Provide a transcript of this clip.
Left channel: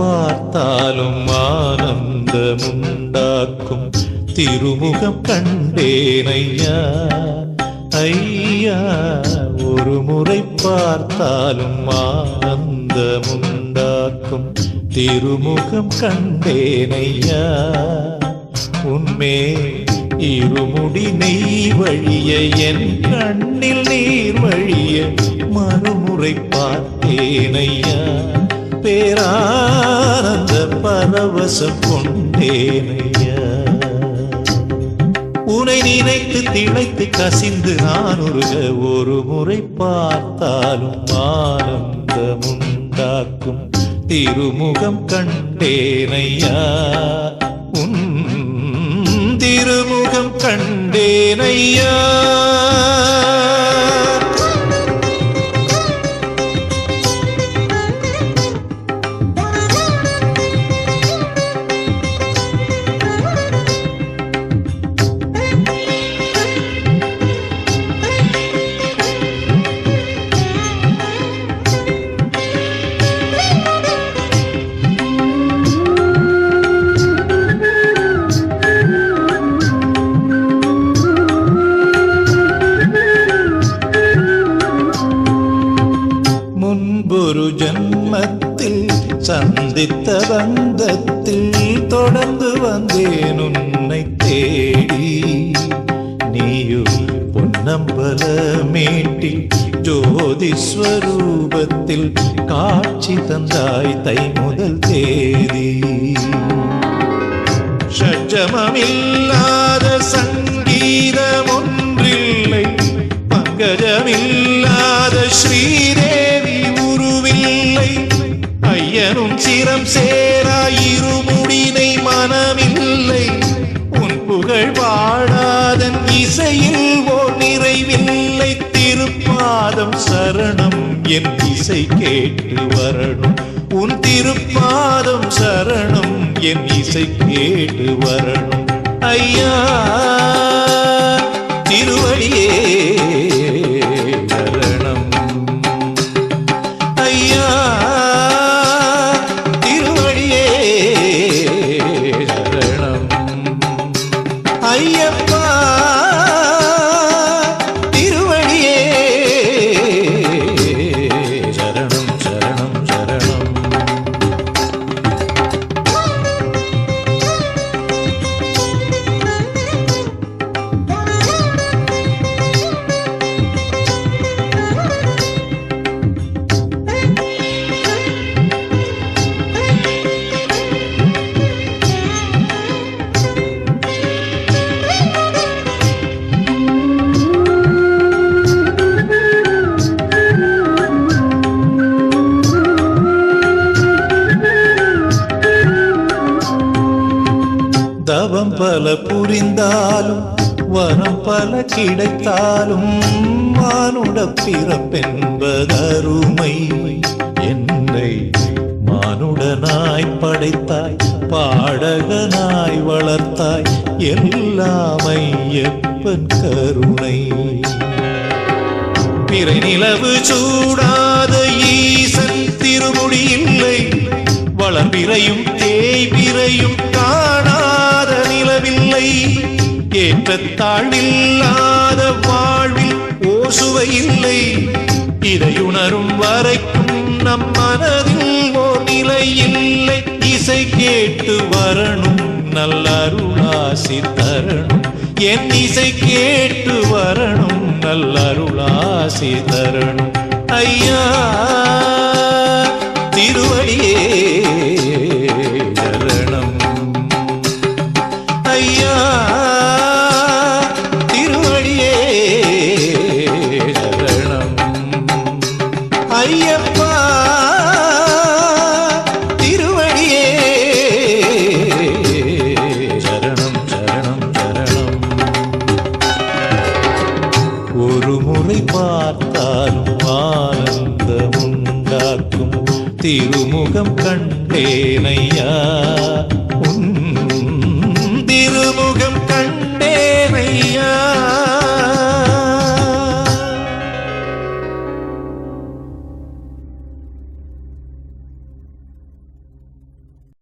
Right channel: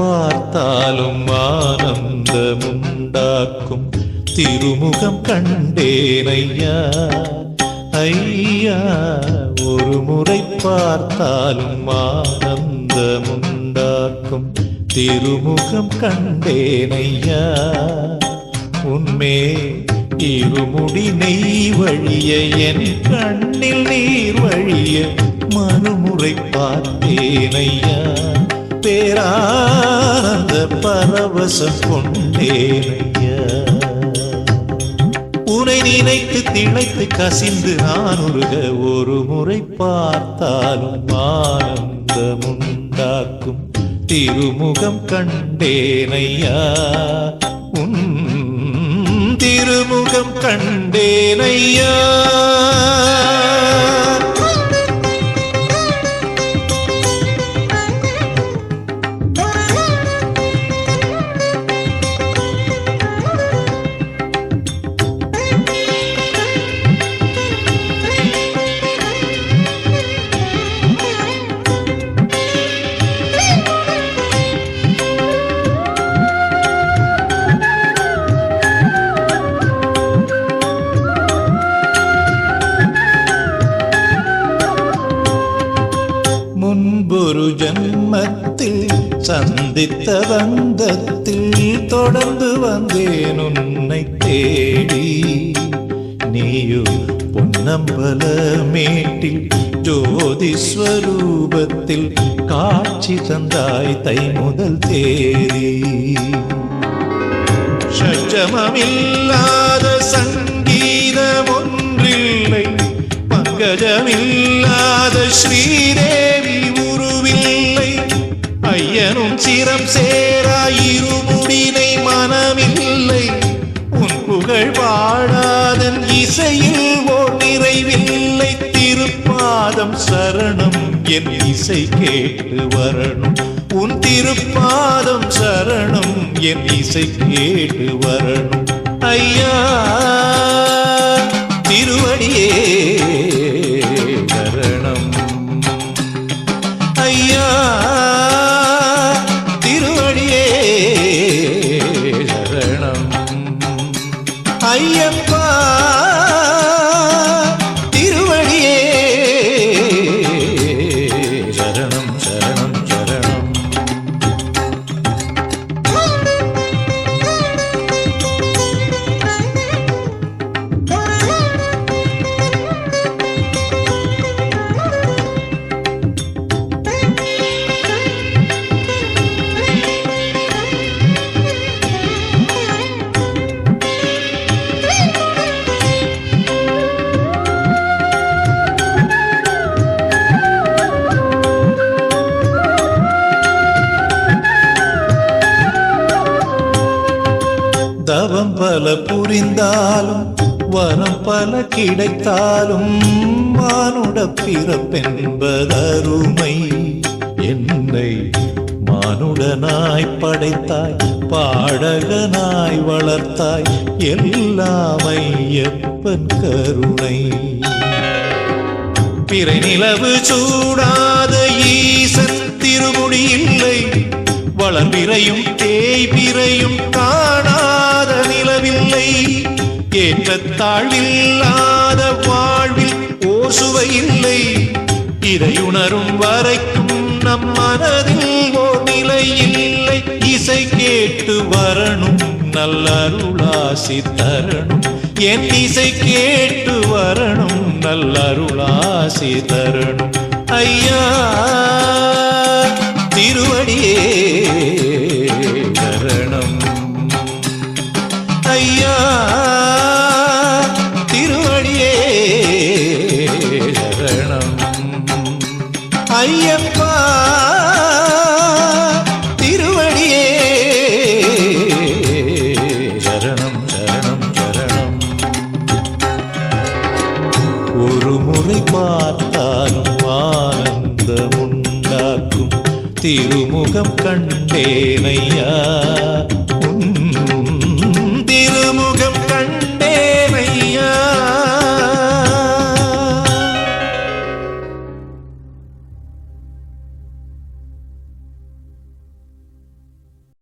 பார்த்தாலும் ஆனந்தமுண்டாக்கும் திருமுகம் கண்டேனையா. ஐயா ஒரு முறை பார்த்தாலும் ஆனந்தமுண்டாக்கும் திருமுகம் கண்டேனையா. உன்மே இருமுடி நெய் வழிய என் கண்ணில் நீர் வழிய மறுமுறை பார்த்தேனையா. பேரானந்த பரவசம் கொண்டேனையா. உனை நினைத்து திளைத்து கசிந்து நான் உருக ஒரு முறை பார்த்தாலும் ஆனந்தமுண்டாக்கும் திருமுகம் கண்டேனையா. உன் திருமுகம் கண்டேனையா. முன்பொரு ஜன்மத்தில் சந்தித்த பந்தத்தில் தொடர்ந்து வந்தேன் உன்னை தேடி. நீயோ பொன்னம்பல மேட்டில் ஜோதி ஸ்வரூபத்தில் காட்சி தந்தாய் தை முதல் தேதி. ஷட்ஜமமில்லாத சங்கீதம் ஒன்றில்லை, பங்கஜமில்லாத ஸ்ரீதேவி உருவில்லை. ஐயனும் சிரம் சேராயிருமுடினை மனமில்லை. உன் புகழ் பாடாதன் இசையில் ஓர் நிறைவில்லை. திருப்பாதம் சரணம் என் இசை கேட்டு வரணும். உன் திருப்பாதம் சரணம் என் இசை கேட்டு வரணும். ஐயா திருவடியே சரணம். ஐயா திருவடியே சரணம். ஐயப்பா திருவடியே சரணம் சரணம் சரணம். தவம் பல புரிந்தாலும் வரம் பல கிடைத்தாலும் மானுட பிறப்பென்பதருமை. என்னை மானுடனாய் படைத்தாய், பாடகனாய் வளர்த்தாய், எல்லாமை எப்பன் கருணை. பிறை நிலவு சூடாத ஈசன் திருமுடி இல்லை, வளர்பிறையும் தேய்பிறையும் காணாத நிலவில்லை. ஏற்றத்தாழ்வில்லாத வாழ்வில் ஓர் சுவை இல்லை. இதையுணரும் வரைக்கும் நம் மனதில் ஓர் நிலை இல்லை. இசை கேட்டு வரணும், நல்ல அருளாசி தரணும். என் இசை கேட்டு வரணும், நல்ல அருளாசி தரணும். ஐயா திருவடியே சரணம். ஐயா திருவடியே சரணம். ஐயப்பா திருவடியே சரணம் சரணம் சரணம். ஒரு முறை பார்த்தாலும் ஆனந்தமுண்டாக்கும் திருமுகம் கண்டேனையா. உன் திருமுகம் கண்டேனையா.